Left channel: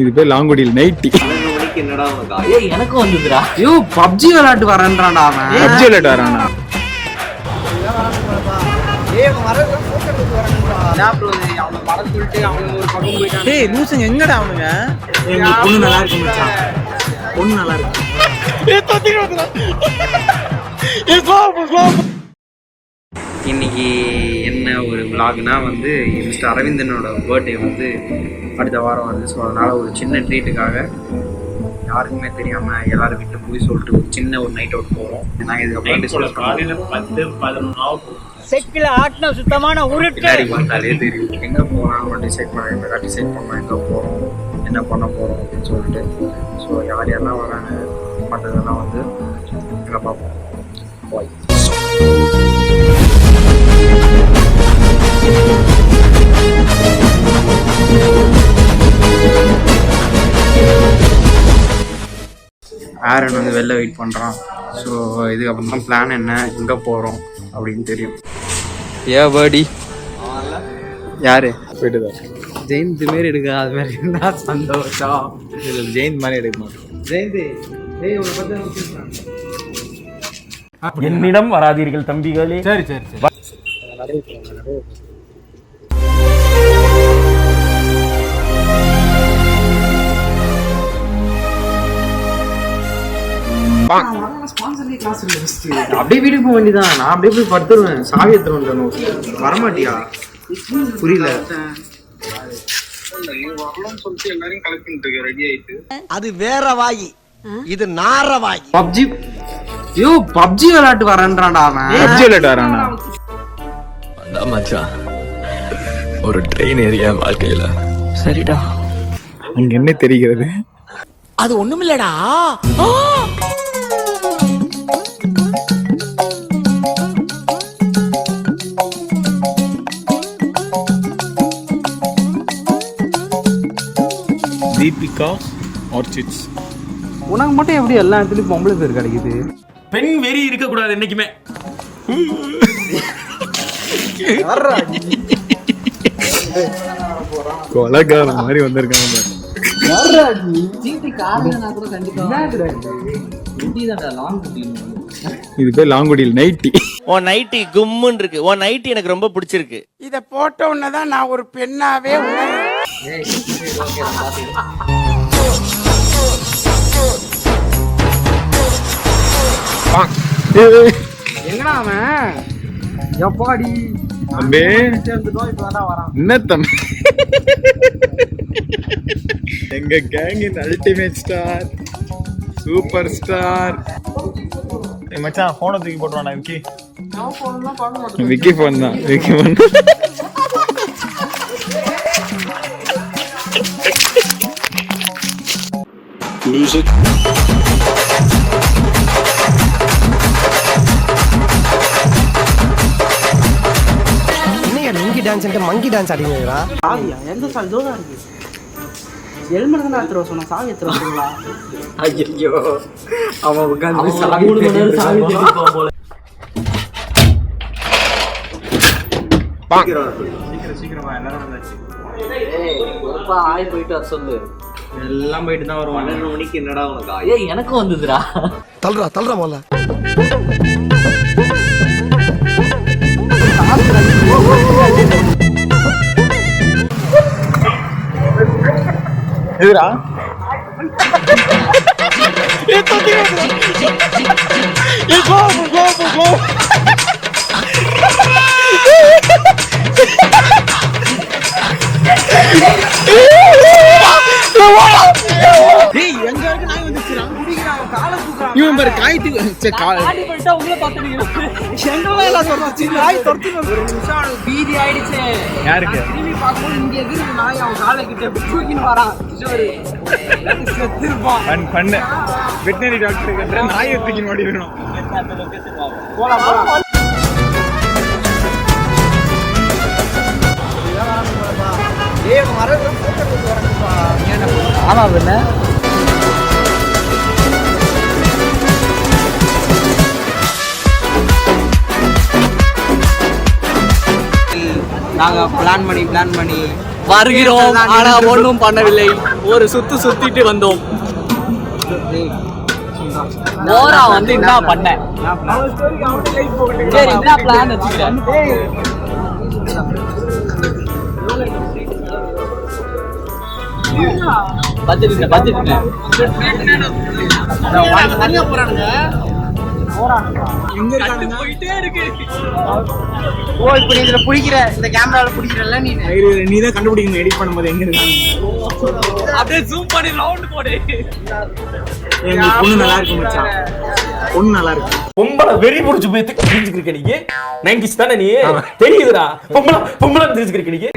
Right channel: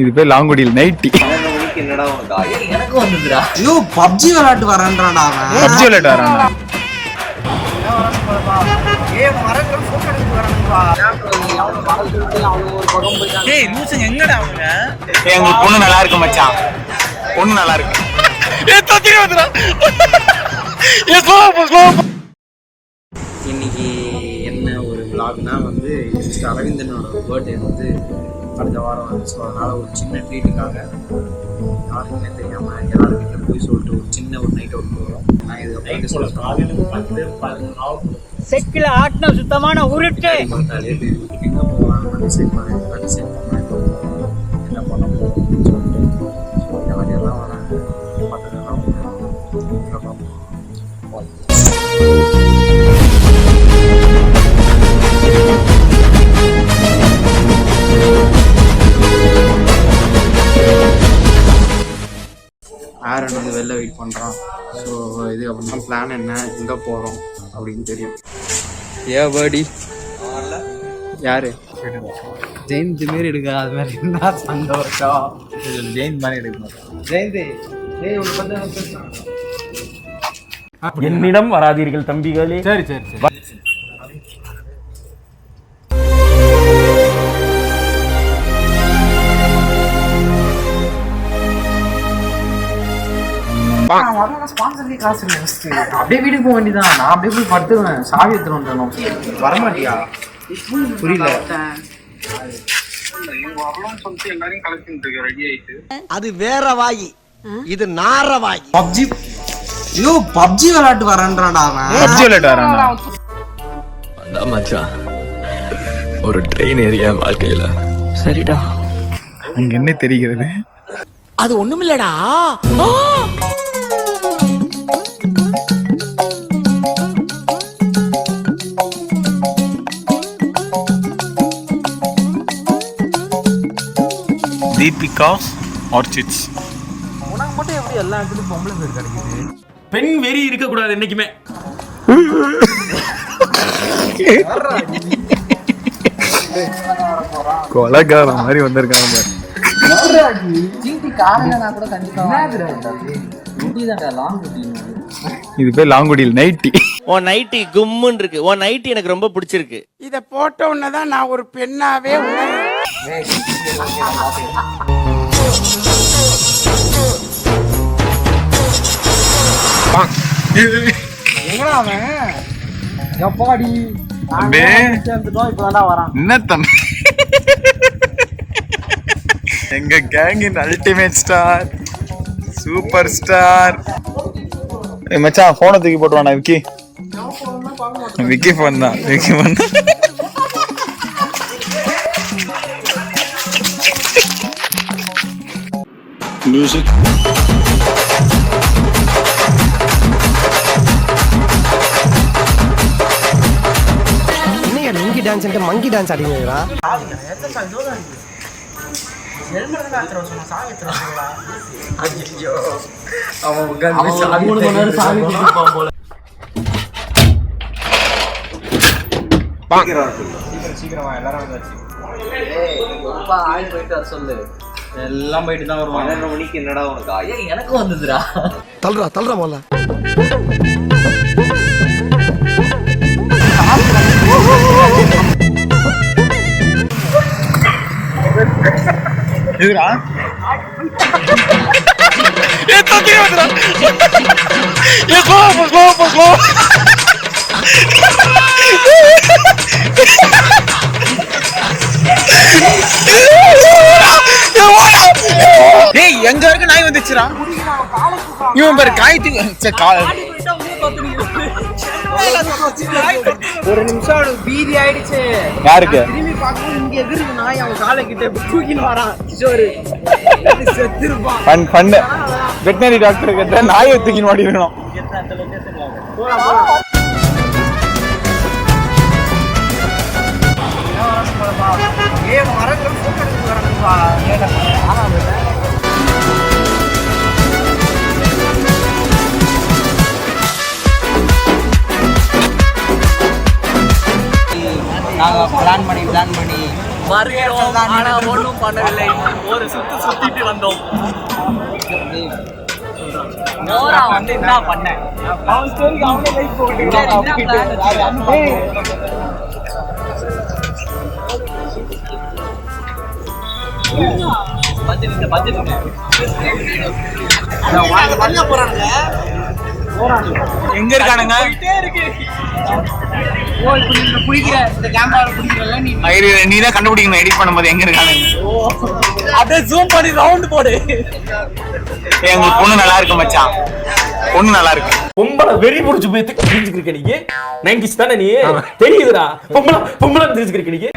இது பேர் லாங்குடியில் நைட்டி. எனக்கு வந்துதுடா. ஐயோ பப்ஜி விளையாட்டு வரேன்றான்டா அவன். பப்ஜி விளையாட்டு வரானா? இதான் வரணும் போலப்பா. ஏய் அவன் வரதுல போட்டோ எடுத்து வரானுப்பா. அவன மறந்து சொல்லிட்டு அவன் ஒரு பக்கம் போயிட்டான். டேய் லூசுங்க எங்கடா அவனுங்க? ஏய் உங்க பொண்ணு நல்லா இருக்கு மச்சான். பொண்ணு நல்லா இருக்கு. ஏய் தத்திரி வந்துடா. ஏய் ஸ்லோ. இன்னைக்கு என்ன ஒரு vlogனா வந்து மிஸ்டர் அரவிந்தனோட பர்த்டே வந்து அடுத்த வாரம் வருது. ஸோ அதனால் ஒரு சின்ன ட்ரீட்டுக்காக யாருக்குமே தெரியாமல் எல்லாரும் வீட்டில் போய் சொல்லிட்டு ஒரு சின்ன ஒரு நைட் அவுட் போகிறோம். நாங்கள் இதுக்கப்புறம் டிஸ்கஸ் பண்ணுவோம். செக்கில் ஆட்டின சுத்தமான உருட்டு பார்த்தாலே தெரியும் எங்கே போகலாம் டிசைட் பண்ணலாம் எங்கே போகிறோம் என்ன பண்ண போகிறோம் அப்படின்னு சொல்லிட்டு. ஸோ யார் யாரெல்லாம் வராங்க மற்றதெல்லாம் வந்து எங்கே பார்ப்போம். பாய். ஆரன் வந்து வெளில வெயிட் பண்ணுறான். ஸோ இதுக்கப்புறம் தான் பிளான் என்ன எங்கே போகிறோம் அப்படின்னு தெரியும். பேர்டி யாரு ஜெயந்த் மாரி எடுக்க அது மாதிரி என்ன சந்தோஷம். ஜெயின் மாதிரி எடுக்க மாட்டோம். ஜெயந்த் உன்னை பற்றி பேசுகிறாங்க. என்னிடம் வராதீர்கள் தம்பிகளே. சரி. அப்படியே வீட்டுக்கு போக வேண்டியதான். நான் அப்படியே போய் படுத்துருவேன். சாவி எடுத்துருவேன். வரமாட்டியா? புரியல. அது வேற வாயி, இது நார வாயி. பப்ஜி பப்ஜி விளையாட்டு வரேன்றான்டா அவன். பப்ஜி விளையாட்டு வரானா? மச்சான் ஒரு ட்ரெயின் ஏரியா வாழ்க்கையில. சரிடா. அங்க என்ன தெரிகிறது? அது ஒண்ணுமில்லடா. தீபிகாஸ் ஆர்ச்சிட்ஸ். உனக்கு மட்டும் எப்படி எல்லா இடத்துலயும் பொம்பளை பேர் கிடைக்குது? பெண் வெறி இருக்க கூடாது என்னைக்குமே. கொலகார மாதிரி வந்திருக்காங்க பாரு. இது பேர் லாங்குடியில் நைட்டி. உன் நைட்டி கும்முன்னு இருக்கு. உன் நைட்டி எனக்கு ரொம்ப பிடிச்சிருக்கு. இத போட்ட உடனேதான் நான் ஒரு பெண்ணாவே உணர்றேன். எங்கடா அவன்? எப்பாடி தம்பி என்ன தம்பி? எங்க கேங்கின் அல்டிமேட் ஸ்டார் சூப்பர் ஸ்டார். மச்சான் போனை தூக்கி போட்டுவானா விக்கி? விக்கி போன் தான். Music monkey dance monkey dance ஆடிங்களா? ஐயோ அவன் சீக்கிரமா எல்லாரும் போயிட்டு வர சொல்லு. எல்லாம் போயிட்டு தான் வருவாங்க. 12 மணிக்கு என்னடா உனக்கு? ஏய் எனக்கு வந்துதுடா. தள்ளுறா போல. எதுடா? எங்க வரைக்கும் நாய் வந்துச்சுடா. இவன் பாரு காயத்துக்கு ஒரு நிமிஷம் பீதி ஆயிடுச்சு. யாருக்கு? திரும்பி பார்க்கும் இங்க எதிர்க்கு நாய் அவன் காலை கிட்ட தூக்கின்னு வரான். கிஷோரு செத்துருப்பான். பண்ணு வெட்டினரி டாக்டர் கிட்ட நாயை தூக்கின்னு மாட்டிருக்கணும். போலாம். வரணும் போலப்பா. ஏய் வரதுல போட்டோ எடுத்து வரணும்பா. ஏன்டா ஆமா வந்துண்ணே. நாங்கள் பிளான் பண்ணி வருகிறோம் ஆனா ஒன்றும் பண்ணவில்லை. ஒரு சுத்திட்டு வந்தோம். வந்து என்ன பண்ண எங்க இருக்கானுங்க? நீ தான் கண்டுபிடிக்கணும் எடிட் பண்ணும்போது எங்க இருக்கானுங்க. அப்படியே ஜூம் பண்ணி ரவுண்ட் போடு. எங்க பொண்ணு நல்லா இருக்கு மச்சான், பொண்ணு நல்லா இருக்கு. பொம்பளை வெறி முடிச்சு போய் தெரிஞ்சுக்கிருக்க நீங்க 90s தானே நீ தெரியுதுடா. பொம்பளை தெரிஞ்சுக்கிருக்க நீங்க.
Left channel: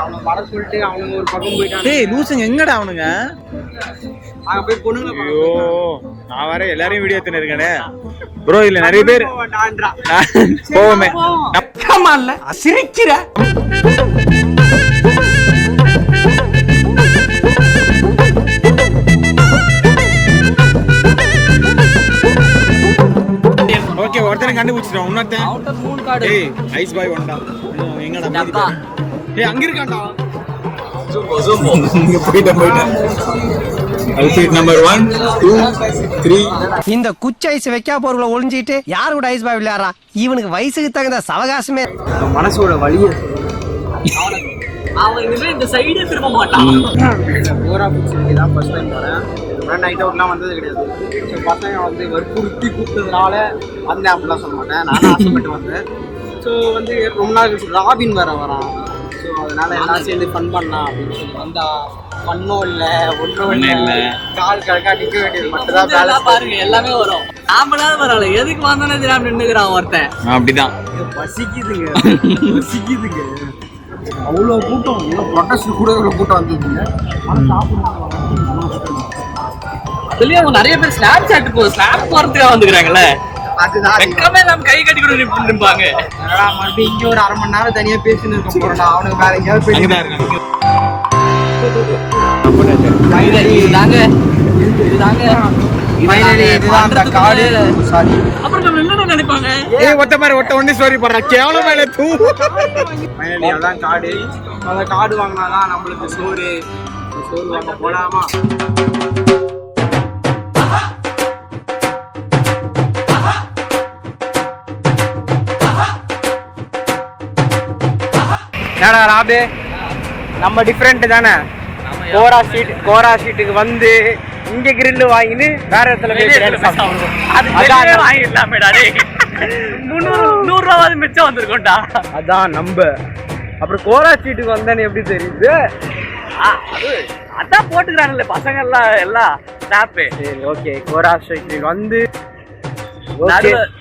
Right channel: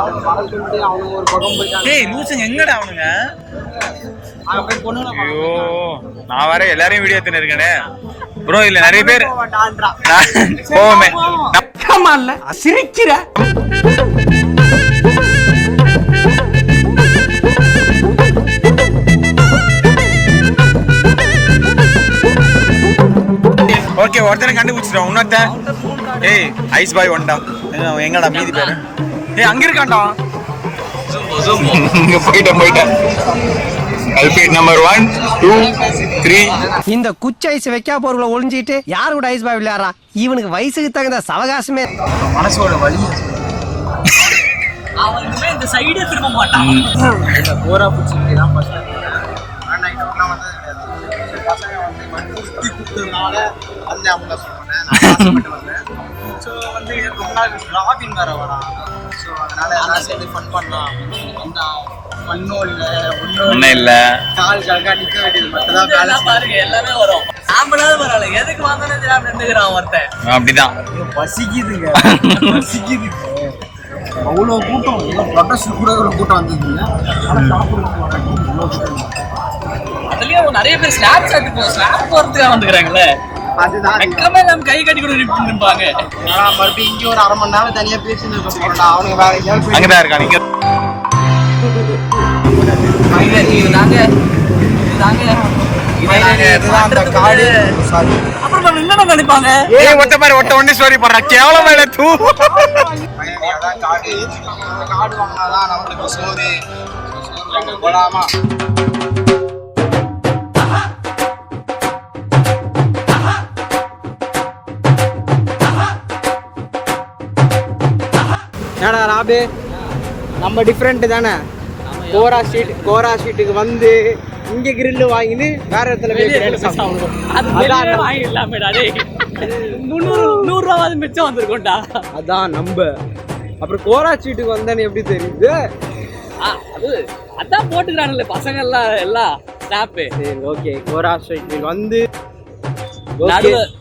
அவனுக்கு படம் சொல்லிட்டு அவனுங்க ஒரு பக்கம் போயிட்டான். டேய் லூசுங்க எங்கடா அவனுங்க? அங்க போய் பொண்ணுங்களை ஐயோ நான் வர எல்லாரையும் வீடியோ எடுத்துன்னு இருக்கேனே ப்ரோ. இல்ல நிறைய பேர் போவோமே இல்ல சிரிக்கிற. ஓகே ஒருத்தனை கண்டுபிடிச்சிட்டோம். இன்னொருத்தன் ஏய் ஐஸ் பாய் ஒன்டா எங்கடா மீதி பேரு? ஏய் அங்க இருக்கான்டா. இங்க போயிட்டேன். அல்பிட் நம்பர் 1 2 3. இந்த குச்சி ஐஸ் வைக்கா போறவங்கள ஒளிஞ்சிட்டு யாரு கூட ஐஸ் பாய் விளையாடுறா? இவனுக்கு வயசுக்கு தகுந்த சவகாசமே. மனசோட வலியை அவனுமே இந்த சைடே திரும்ப மாட்டான். போரா பிடிச்சிருக்கு தான் ஃபர்ஸ்ட் டைம் வரேன். நைட் அவுட்லாம் வந்தது கிடையாது. ஸோ பசங்க வந்து வற்புறுத்தி கூப்பிட்டதுனால வந்தேன் அப்படிலாம் சொல்ல மாட்டேன். நான் ஆசைப்பட்டு வந்தேன். ஸோ வந்து ரொம்ப நாள் கழிச்சு ராபின் வேற வரான். ஸோ அதனால எல்லாம் சேர்ந்து ஃபன் பண்ணலாம் அப்படின்னு சொல்லி வந்தா பண்ணோம் இல்லை ஒன்றும் இல்லை. கால் கழக்கா நிற்க வேண்டியது மட்டும் தான் வேலை. பாருங்க எல்லாமே வரும். ஆம்பளாவது பரவாயில்ல, எதுக்கு வந்தோன்னே தெரியாம நின்றுக்கிறான் ஒருத்தன். அப்படிதான் பசிக்குதுங்க. அவ்வளோ கூட்டம், ஏதோ ப்ரொடெஸ்ட் கூட இவ்வளோ கூட்டம் வந்ததுங்க. ஆனால் சாப்பிடுறது அதுலயும் நிறைய பேர் ஸ்னாப் சாட் ஸ்னாப் போறதுக்காக வந்துக்கிறாங்களே. அதுதான் வெக்கமே இல்லாம கை கட்டி கூட நிற்பாங்க. மறுபடியும் இங்கே ஒரு 1/2 மணி நேரம் தனியாக பேசின்னு இருக்க போறோம்டா. அவனுக்கு வேற எங்கேயாவது அங்கதான் இருக்கான். இதுதான் அந்த காடு. அப்புறம் நம்ம என்ன நினைப்பாங்க? ஏய் ஒட்ட மாதிரி ஒண்ணு ஸ்டோரி போடுறா கேவலமா இல்ல தூ. ஃபைனலி அதான் காடு. அந்த காடு வாங்கினாதான் நம்மளுக்கு சோறு வாங்க போலாமா? ஏடா ராபே நம்ம டிஃப்ரெண்ட் தானே. கோரா ஸ்ட்ரீட்டுக்கு வந்து இங்க கிரில் வாங்கின்னு வேற இடத்துல $100 மிச்சம் வந்திருக்கோம்டா. அதான் நம்ப. அப்புறம் கோரா ஸ்ட்ரீட்டுக்கு வந்தேன்னு எப்படி தெரியுது? அதான் போட்டுக்கிறாங்கல்ல பசங்க எல்லாம் ஸ்னாப்பு. சரி ஓகே, கோரா ஸ்ட்ரீட் வந்து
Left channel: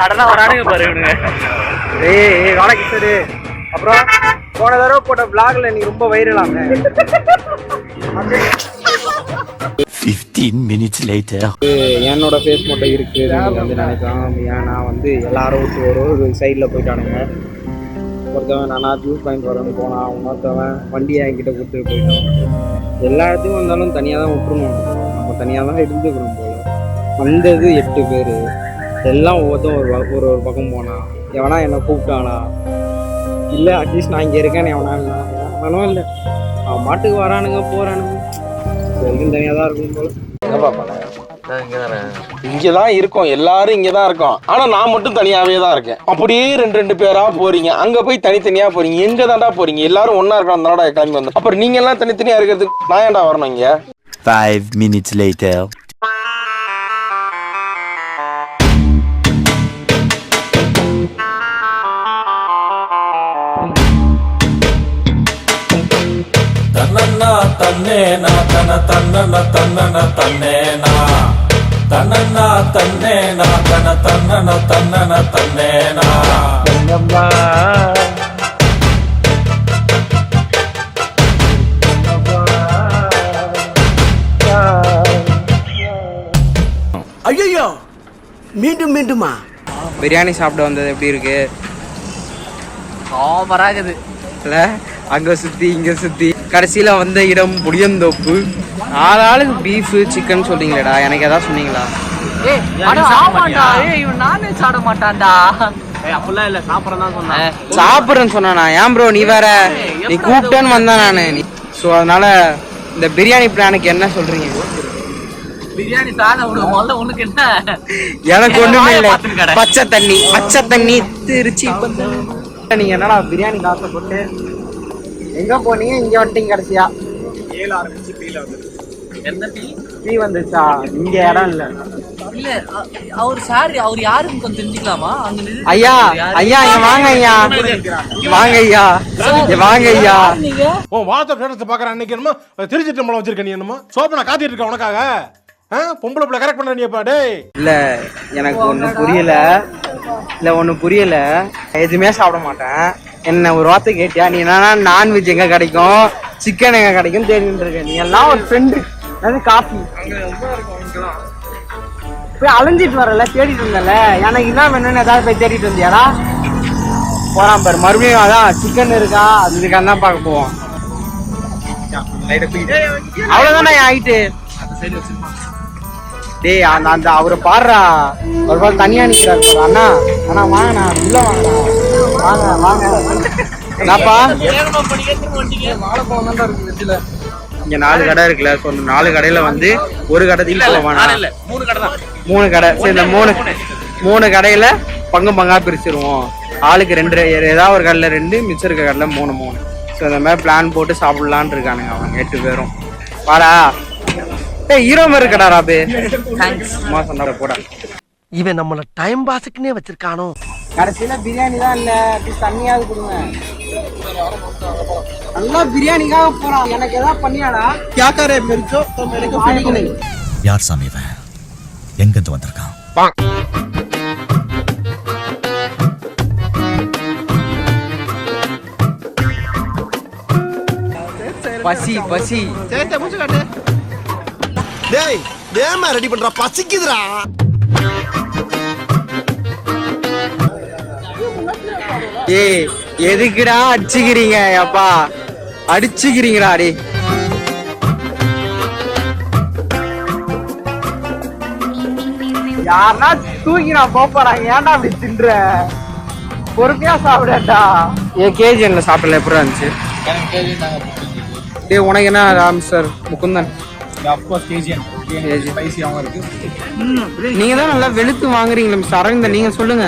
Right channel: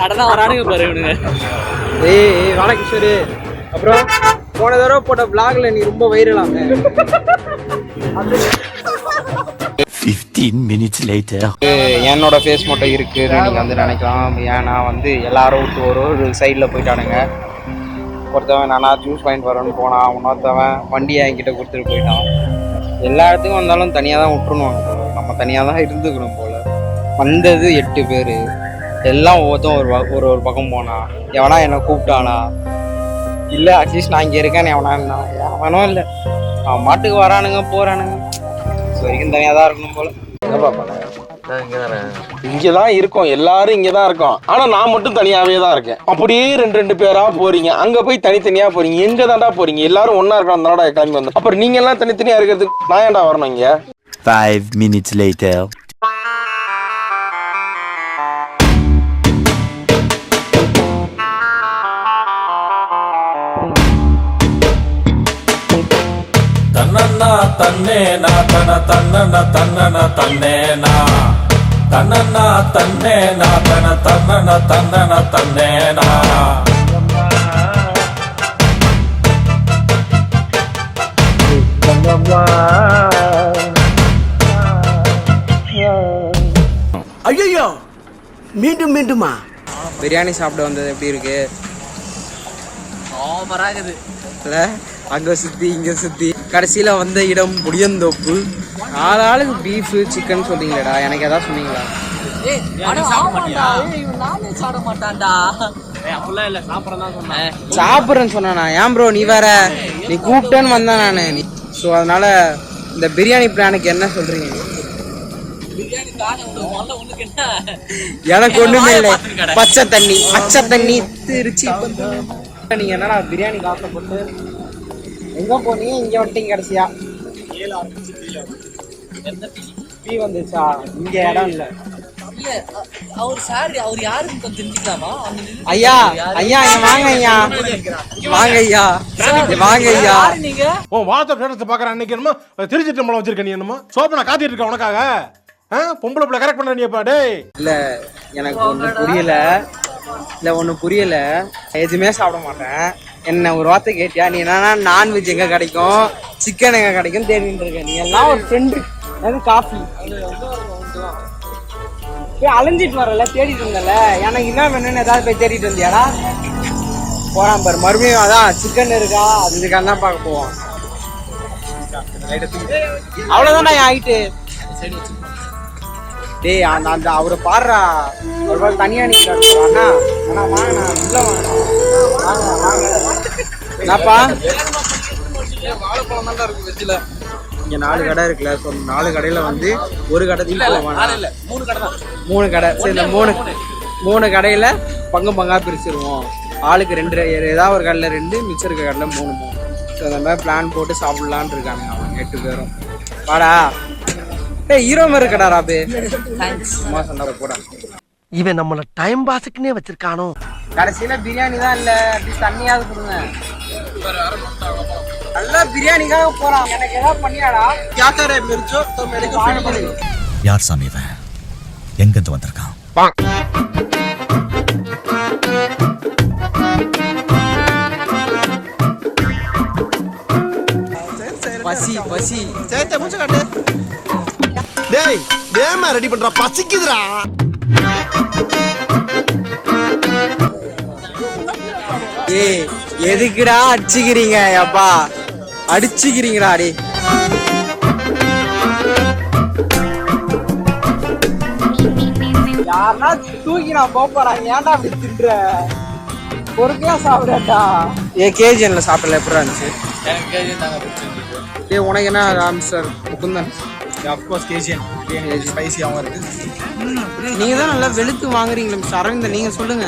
சடனா வரானுங்க பாரு இவனுங்க. ஏய் ராணகிஷோரு, அப்புறம் போன தடவை போட்ட vlogல நீ ரொம்ப வைரலாமே. 15 minutes later. என்னோட ஃபேஸ் மட்டும் இருக்குன்னு நீங்கள் வந்து நினைக்கலாம். ஏன்னா வந்து எல்லாரும் விட்டு ஒரு சைடில் போயிட்டானுங்க. ஒருத்தவன் நானா ஜூஸ் பாயிண்ட் வரேன்னு போனான். இன்னொருத்தவன் வண்டியை என்கிட்ட கொடுத்துட்டு போயிட்டான். எல்லா இடத்துக்கும் வந்தாலும் தனியாக தான் விட்டுருணும். நம்ம தனியாக தான் இருந்துக்கணும் போல். வந்தது 8 பேர். எல்லாம் ஒவ்வொருத்தரும் ஒரு பக்கம் போனான். எவனா என்னை கூப்பிட்டானா இல்லை அட்லீஸ்ட் நான் இங்கே இருக்கேன்னு எவனா எவனும் இல்லை. அவன் மாட்டுக்கு வரானுங்க போகிறானுங்க. ஸோ வரைக்கும் தனியாக தான் இருக்கணும் போல். என்னப்பா பண்ண இங்கதான் இருக்கோம், எல்லாரும் இங்கதான் இருக்கோம். ஆனா நான் மட்டும் தனியாவே தான் இருக்கேன். அப்படியே 2 பேரா போறீங்க, அங்க போய் தனித்தனியா போறீங்க. எங்க தாண்டா போறீங்க? எல்லாரும் ஒன்னா இருக்கணும், அதனால கிளம்பி வந்தோம். அப்புறம் நீங்க எல்லாம் தனித்தனியா இருக்கிறதுக்கு நான் ஏன்டா வரணும் இங்க? 5 minutes later. தன்னன்னா தன்னேனா தன தன்னன தன்னன தன்னேனா தன்னன்னா தன்னேனா தன தன்னன தன்னன தன்னேனா. ஐயோ மீண்டுமா பிரியாணி சாப்பிட வந்தது எப்படி இருக்கு? ஓவராகுது இல்லை, அங்கே சுற்றி இங்கே சுற்றி கடைசியில் வந்த இடம் புளியந்தோப்பு. 4 ஆளுக்கு பீஃபு சிக்கன் சொல்றீங்களேடா, எனக்கு எதாவது சொன்னீங்களா? ஆமாண்டா, இவன் நான்வெஜ் சாப்பிட மாட்டான்டா. சாப்பிட்றேன்னு சொன்னா ஏன் ப்ரோ நீ வேற நீ கூப்பிட்டேன்னு வந்தேன் நான் ஸோ அதனால இந்த பிரியாணி பிளானுக்கு என்ன சொல்றீங்க? பிரியாணி தான முதல்ல உனக்கு என்ன? எனக்கு ஒண்ணுமே இல்லை, பச்சை தண்ணி திருச்சி. நீங்க என்னடா பிரியாணி காசை போட்டு எங்க போனீங்க? இங்க வந்துட்டீங்க கடைசியா. பீ வந்துச்சா? இங்க இடம் இல்ல. இல்ல அவர் சார் அவர் யாருன்னு கொஞ்சம் தெரிஞ்சுக்கலாமா? ஐயா ஐயா இங்க வாங்க ஐயா, வாங்க ஐயா, வாங்க ஐயா. நீங்க வாட்ஸ்அப் ஸ்டேட்டஸ் பாக்குற அன்னைக்கு என்னமோ திருச்சிட்டு நம்மள வச்சிருக்க நீ என்னமோ சோப்பை நான் காத்திட்டு இருக்கேன் உனக்காக. பொம்பளை பிள்ளை கரெக்ட் பண்ண நீப்பா டேய். இல்ல எனக்கு ஒண்ணு புரியல, எதுவுமே சாப்பிட மாட்டேன். என்ன ஒரு வார்த்தை கேட்டியா? நீ என்னன்னா நான்வெஜ் எங்க கிடைக்கும், சிக்கன் எங்க கிடைக்கும் தேடிட்டு இருக்க. நீ எல்லாம் ஒரு ஃப்ரெண்டு. அது காஃபி போய் அலைஞ்சிட்டு வரல, தேடிட்டு இருந்தல. எனக்கு என்ன வேணும்னு ஏதாவது போய் தேடிட்டு வந்தியாடா? போறான் பாரு மறுபடியும். அதான் சிக்கன் இருக்கா அதுக்காக தான் பார்க்க போவோம். அவ்வளவுதானே ஆயிட்டு. டேய் அந்த அவரை பாடுறா, ஒரு போல தனியா நிக்கிறாரு அண்ணா. அண்ணா வாங்கண்ணா, உள்ள வாங்க. என்னப்பா வாழைப்பழம் தான் இருக்கு வெஜ்ல. இங்க 4 கடை இருக்குல்ல, ஸோ 4 கடையில வந்து ஒரு கடையில் போவானா? 3 கடை. சரி, இந்த 3 கடையில பங்கா பிரிச்சிருவோம். ஆளுக்கு 2, ஏதாவது ஒரு கடையில 2, மிச்சம் இருக்க கடையில 3. ஸோ இந்த மாதிரி பிளான் போட்டு சாப்பிடலான்னு இருக்கானுங்க அவங்க 8 பேரும். வாடா ஏய், ஹீரோ மாதிரி இருக்கடா ராபு. சும்மா சொன்னார போடா. இவன் நம்மள டைம் பாஸ்க்குன்னே வச்சிருக்கானோ. கடைசியில பிரியாணி தான் இல்ல, அட்லீஸ்ட் தண்ணியாவது கொடுங்க. நல்லா பிரியாணிக்காக போறான். எனக்கு ஏதாவது பண்ணியாடா? யார் சாமி இவன்? எங்கிருந்து வந்திருக்கான்? பசி டேய் வேமா ரெடி பண்றா, பசிக்குதுடா. ஏய் எதுக்குடா அடிச்சுக்கிறீங்க? அப்பா அடிச்சுக்கிறீங்கடா. அடி யாருன்னா தூக்கி நான் போறாங்க. ஏன்டா அப்படி தின்ற? பொறுமையா சாப்பிடா. கேஜிஎன்ல சாப்பிடல எப்படி இருந்துச்சு? டேய் உனக்கு என்ன மிஸ்டர் முகுந்தன்? நீங்க தான் நல்லா வெளுத்து வாங்குறீங்களா மிஸ்டர் அரவிந்தன்? நீங்க சொல்லுங்க.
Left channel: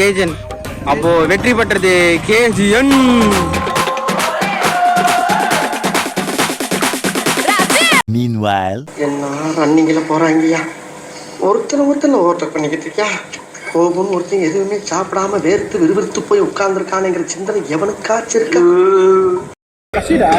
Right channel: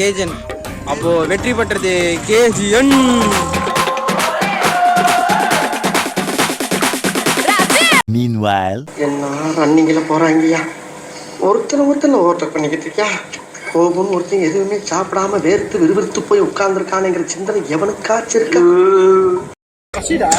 கேஜன் அப்போ வெற்றி பெற்றது கேஜிஎன். Meanwhile, எல்லாம் ரன்னிங்ல போறாங்கய்யா. ஒருத்தனை ஓவர் பண்ணிக்கிட்டு இருக்கியா? கோபம் ஒருத்தன் எதுவுமே சாப்பிடாம வேர்த்து விறுவிறுத்து போய் உட்கார்ந்துருக்கானுங்கிற சிந்தனை எவனுக்காச்சும் இருக்கா? பசிடா